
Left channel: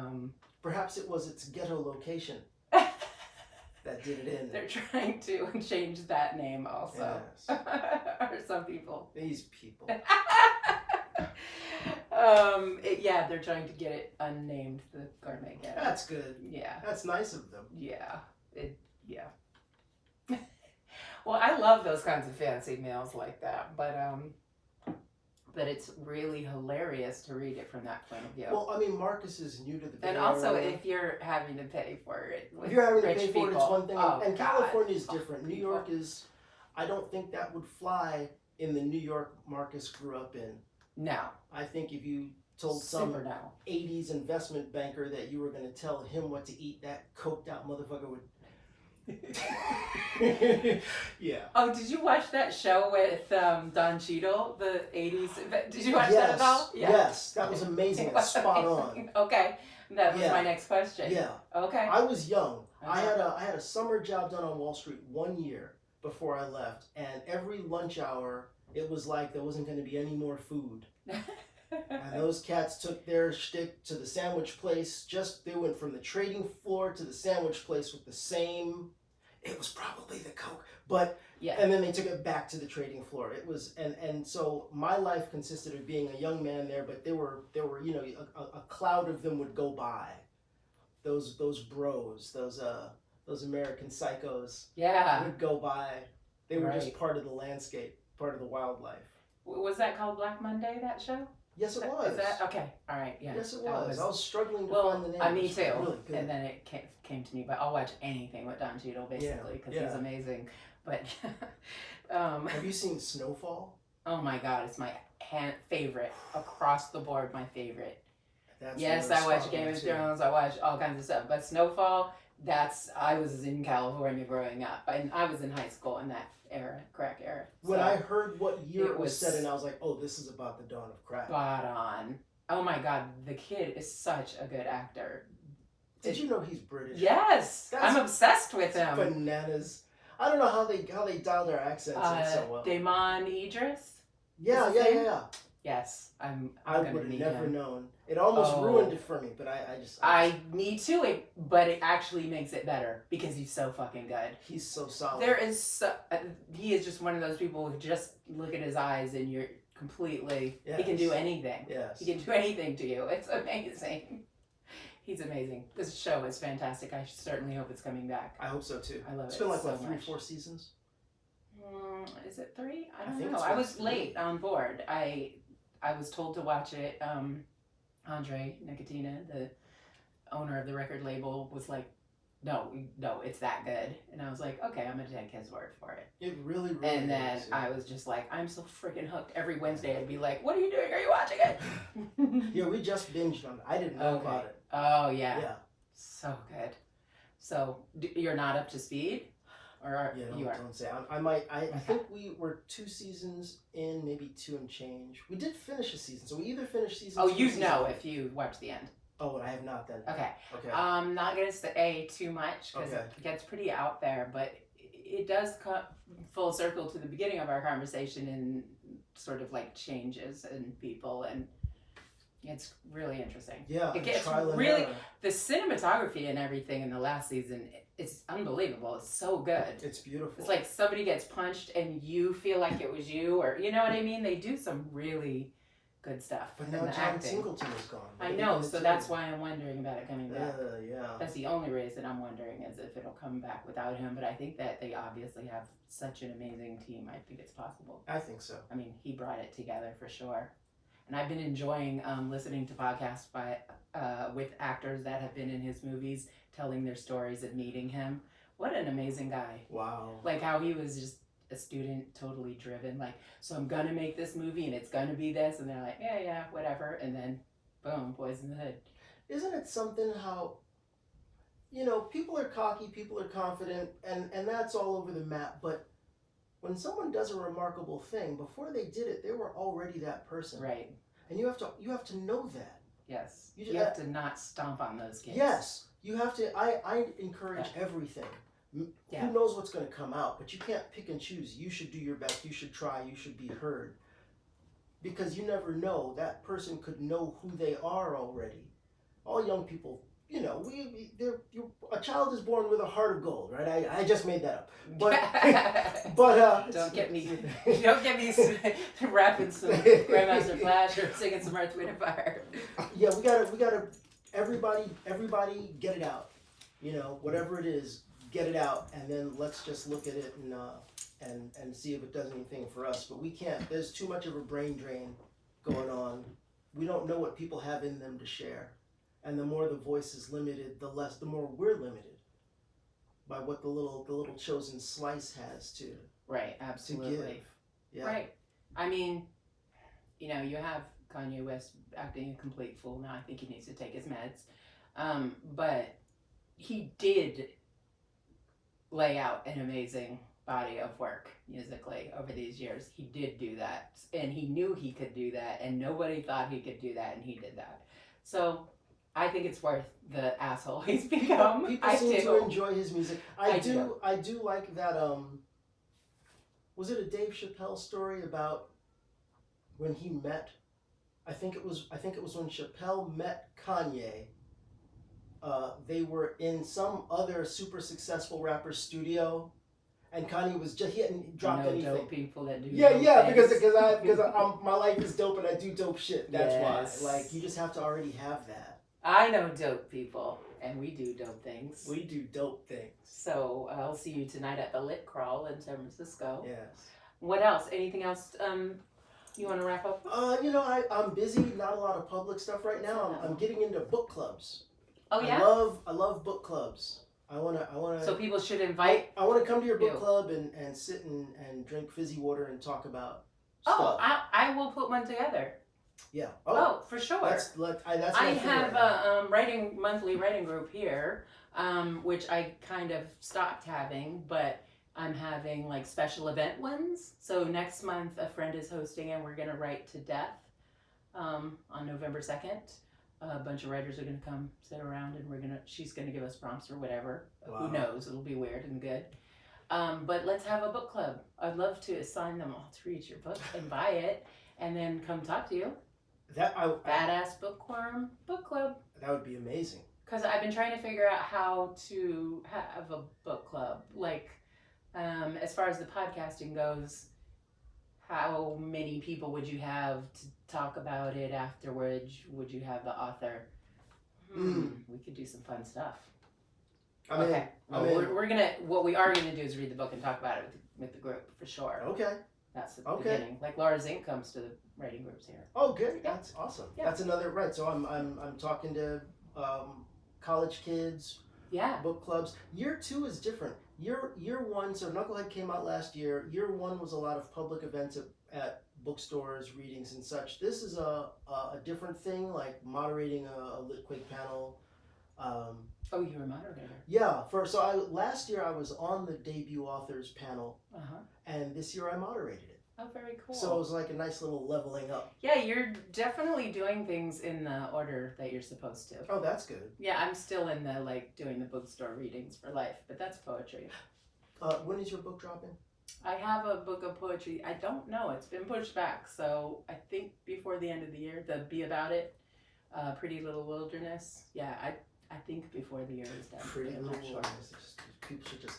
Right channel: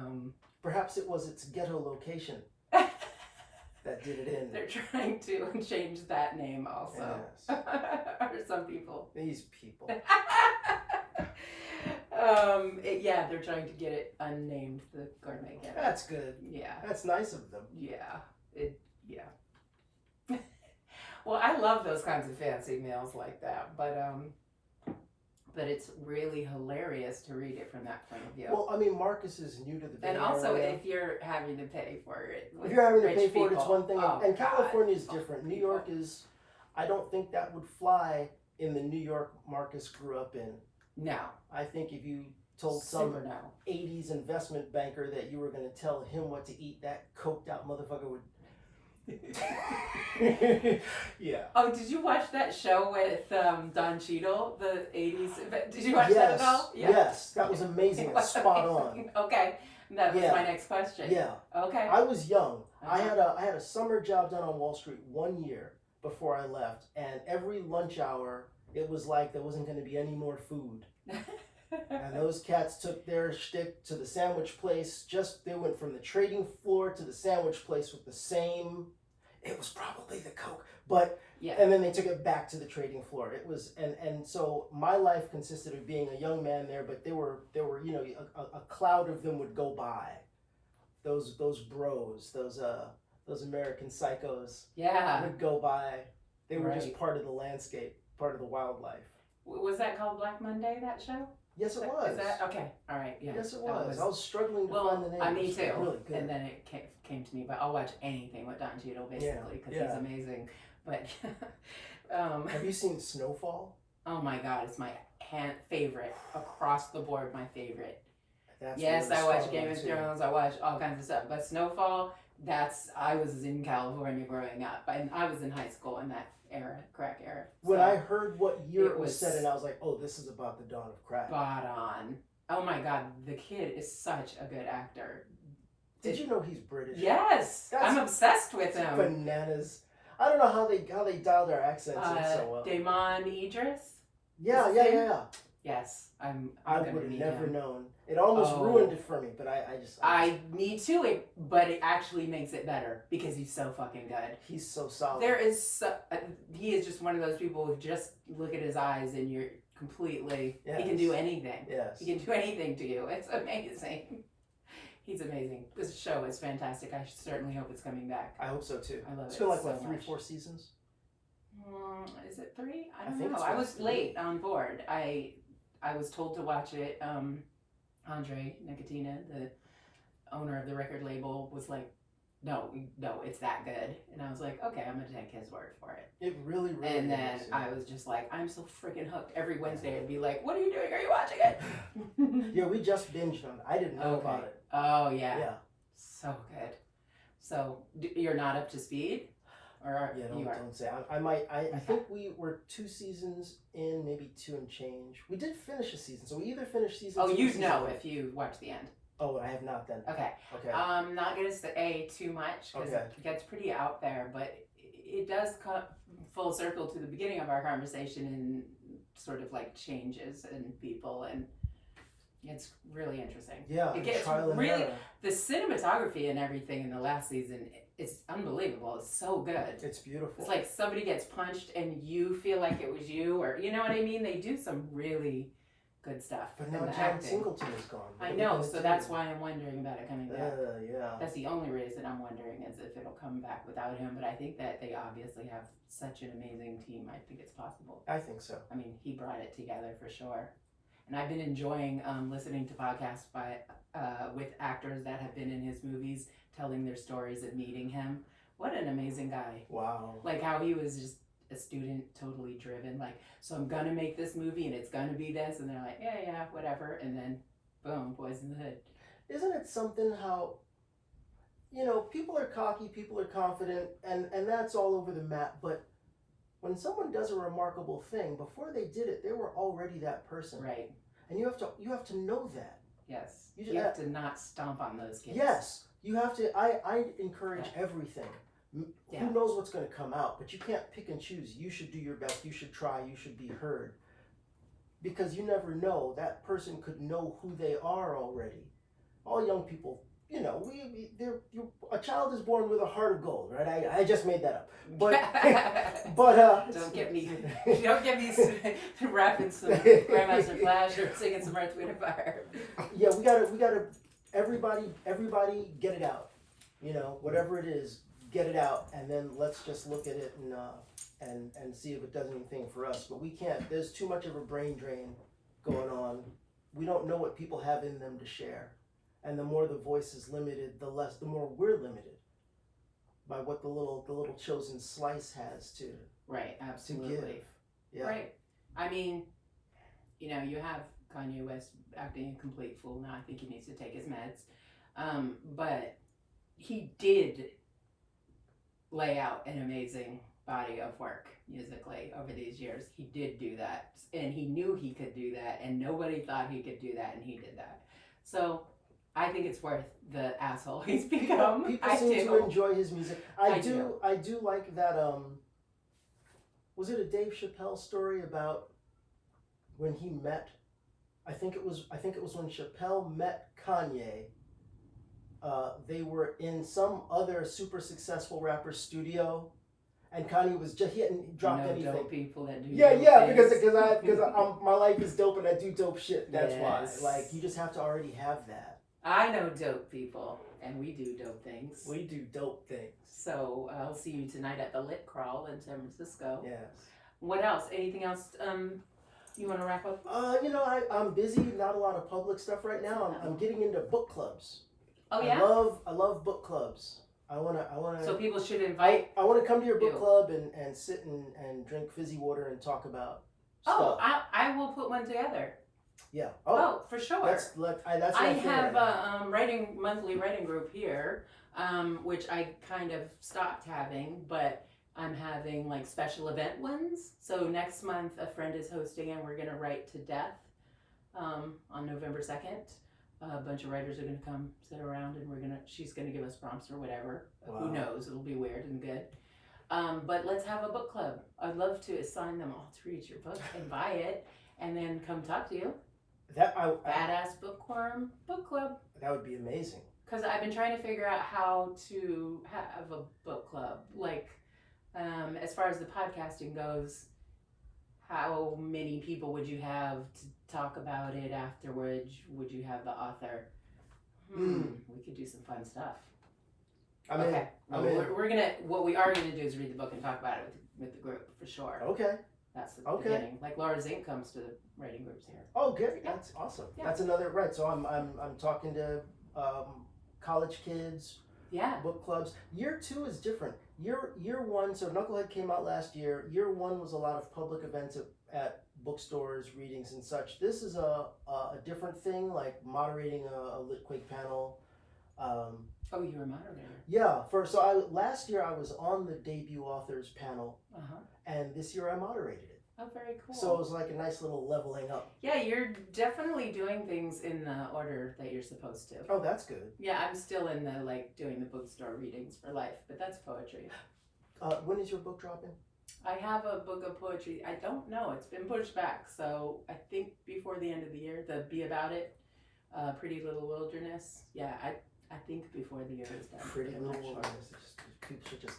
Perhaps it was its ghetto location that did it in. they're trying to change that name also. Yes. Or some people. These people. They're trying to get it unnamed, the gourmet ghetto. That's good. Yeah. That's nice of them. Yeah. Well, I love those kinds of fancy meals like that, but it's really hilarious to read it from that point of view. Well, I mean, Marcus is new to the Bay And also, Area. if you're having to pay for it, If you're having to rich pay for it, it's people. one thing. Oh, and God. California is different. Fuck New people. York is, I don't think that would fly in the New York Marcus grew up in. No. I think if you told some Super no. 80s investment banker that you were going to tell him what to eat, that coked out motherfucker would. Yeah. Oh, did you watch that show with Don Cheadle, the 80s? Did you watch that at all? Yes, that was amazing. That's spot on. Okay, that was my next question. Yeah. Okay. I was young. I Uh-huh. had a summer job done on Wall Street 1 year before I left, and every lunch hour it was like there wasn't going to be any more food. And those cats took their shtick to the sandwich place. They went from the trading floor to the sandwich place with the same. It was probably the Coke, but Yeah. and then they took it back to the trading floor. It was and so my life consisted of being a young man there, but there were a cloud of them would go by. Those bros, those American psychos Yeah. would go by. They were just Right. part of the landscape, part of the wildlife. Was that called Black Monday, that show? Yes, it was. Is that okay? All right. Yeah. Yes, it That was. I was struggling to find the name. Me It was too. Really good. And then it came to me, but I'll watch anything with Don Cheadle basically because he's amazing. But Have you seen Snowfall? oh my God, it's my favorite across the board. My favorite. That's Yes, another I watch spot Game on of too. Thrones. I watch all kinds of stuff. But Snowfall, I was in California growing up, and I was in high school in that era, crack era. When So, I heard what year it it was was set in, I was like, oh, this is about the dawn of crack. spot on. Oh my God, the kid is such a good actor. Did you know he's British? Yes, That's I'm obsessed with him. Bananas. I don't know how they dial their accents in so well. Damon Idris. Yeah. his name? Yes, I'm I gonna would have meet never him. known. It almost Oh. ruined it for me, but Me too. But it actually makes it better because he's so fucking good. he's so solid. He is just one of those people who just look at his eyes and you're completely. He can Yes. do anything. Yes. He can do anything to you. It's amazing. He's amazing. This show is fantastic. I certainly hope it's coming back. I hope so too. I love It's it been like so what, 3-4 much. seasons? Is it 3? I don't think know. it's I like was 3. late on board. I was told to watch it. Andre Nicotina, owner of the record label was like, no, it's that good. And I was like, okay, I'm going to take his word for it. It really, really And then is, I was just like, I'm so freaking hooked. Every Wednesday I'd be like, what are you doing? Are you watching it? Yeah, we just binged on it. I didn't know about it. Oh, yeah. Yeah. So good. So you're not up to speed? Or Yeah, you are? don't say. I think we were 2 seasons in, maybe 2 and change. We did finish a season, so we either finished season 2 or you'd season know 1. if you watch the end. Oh, I have not then. Okay. Okay. I'm not going to say too much because it gets pretty out there, but it does come full circle to the beginning of our conversation and sort of like changes in people, and it's really interesting. Yeah, it gets really the cinematography and everything in the last season. It's unbelievable. It's so good. It's beautiful. It's like somebody gets punched and you feel like it was you, or you know what I mean? They do some really good stuff. But now John Singleton is gone. I know, so that's why I'm wondering about it coming back. Yeah. That's the only reason I'm wondering is if it'll come back without him. But I think that they obviously have such an amazing team. I think it's possible. I think so. I mean, he brought it together for sure. And I've been enjoying listening to podcasts with actors that have been in his movies, telling their stories of meeting him. What an amazing guy. Wow. Like how he was just a student, totally driven. Like, so I'm going to make this movie and it's going to be this. And they're like, yeah, whatever. And then, boom, Boys in the Hood. Isn't it something how, people are cocky, people are confident, and that's all over the map. But when someone does a remarkable thing, before they did it, they were already that person. Right. And you have to know that. Yes. You have to not stomp on those kids. Yes. You have to. I encourage everything. Yeah. Who knows what's going to come out, but you can't pick and choose. You should do your best. You should try. You should be heard. Because you never know. That person could know who they are already. All young people, a child is born with a heart of gold, right? I just made that up. But don't get me rapping some Grandmaster Flash or singing some Earth, Wind and Fire. Yeah, we gotta everybody get it out. Whatever it is, get it out, and then let's just look at it and see if it does anything for us. But we can't. There's too much of a brain drain going on. We don't know what people have in them to share. And the more the voice is limited, the more we're limited by what the little chosen slice has to absolutely to give. Yeah. Right. I mean, you have Kanye West acting a complete fool now. I think he needs to take his meds. But he did lay out an amazing body of work musically over these years. He did do that, and he knew he could do that, and nobody thought he could do that, and he did that. So I think it's worth the asshole he's become. People seem to enjoy his music. I do like that. Was it a Dave Chappelle story about when he met? I think it was when Chappelle met Kanye. They were in some other super successful rapper's studio, and Kanye he hadn't dropped anything. Dope people that do. Yeah, because my life is dope and I do dope shit. That's why. Like, you just have to already have that. I know dope people, and we do dope things. We do dope things. So I'll see you tonight at the Lit Crawl in San Francisco. Yes. What else? Anything else you want to wrap up? I'm busy. Not a lot of public stuff right now. I'm getting into book clubs. Oh yeah. I love book clubs. I wanna. So people should invite. I want to come to your book club and sit and drink fizzy water and talk about stuff. I will put one together. Yeah. Oh, for sure. That's I have a monthly writing group here, which I kind of stopped having, but I'm having like special event ones. So next month, a friend is hosting, and we're gonna write to death on November 2nd. A bunch of writers are gonna come sit around, and she's gonna give us prompts or whatever. Wow. Who knows? It'll be weird and good. But let's have a book club. I'd love to assign them all to read your book and buy it, and then come talk to you. Badass Bookworm Book Club. That would be amazing. Because I've been trying to figure out how to have a book club. Like, as far as the podcasting goes, how many people would you have to talk about it afterwards? Would you have the author? We could do some fun stuff. Okay. We're gonna. What we are gonna do is read the book and talk about it with the group for sure. Okay. That's the beginning. Like Laura Zink comes to the writing groups here. Oh, good. Yeah. That's awesome. Yeah. That's another So I'm talking to college kids, Yeah. book clubs. Year 2 is different. Year 1, so Knucklehead came out last year. Year 1 was a lot of public events at bookstores, readings and such. This is a different thing, like moderating a Lit Quake panel. Oh, you were a moderator. Yeah, last year I was on the debut authors panel, and this year I moderated it. Oh, very cool. So it was like a nice little leveling up. Yeah, you're definitely doing things in the order that you're supposed to. Oh, that's good. Yeah, I'm still in the doing the bookstore readings for life, but that's poetry. When is your book dropping? I have a book of poetry. I don't know. It's been pushed back, so I think before the end of the year. The Be About It, Pretty Little Wilderness. Yeah, I think before the year is done. Pretty Little Wilderness. People should just.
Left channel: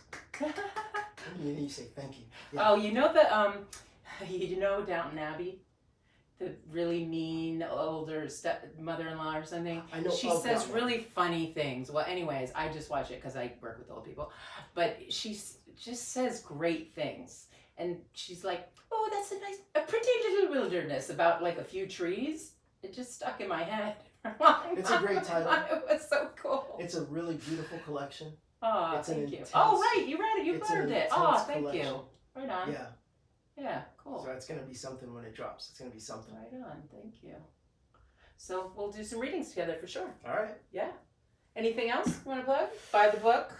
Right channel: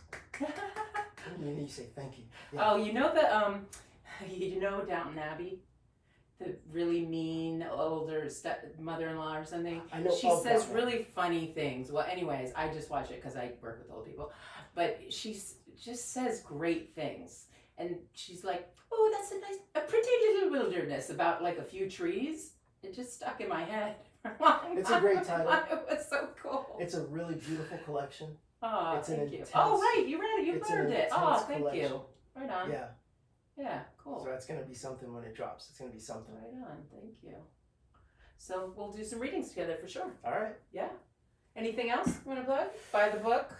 You say thank you. Yeah. Oh, you know Downton Abbey, the really mean older mother-in-law or something. I know. She says really funny things. Well, anyways, I just watch it because I work with old people, but she just says great things, and she's like, "Oh, that's a pretty little wilderness," about like a few trees. It just stuck in my head. It's a great title. It was so cool. It's a really beautiful collection. Oh, It's thank you. intense- Oh, right, you read it. You it's an blurred it. intense Oh, thank collection. you. Right on. Yeah. Yeah, cool. So it's gonna be something when it drops. It's gonna be something. Right on. Thank you. So we'll do some readings together for sure. All right. Yeah. Anything else you want to plug? Buy the book.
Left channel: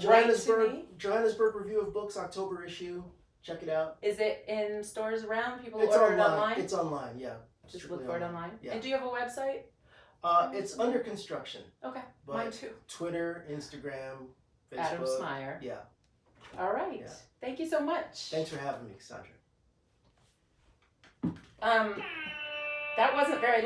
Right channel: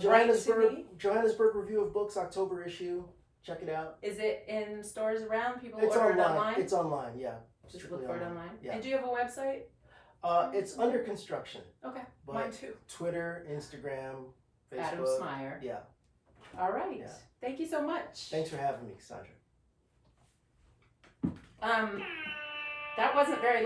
Johannesburg Review of Books, October issue. Check it out. Is it in stores around? People It's order online. it online? It's online. Yeah. Just look for it online. Yeah. And do you have a website? It's under construction. Okay. But Mine too. Twitter, Instagram, Facebook. Adam Smyer. Yeah. All right. Yeah. Thank you so much. Thanks for having me, Cassandra. That wasn't very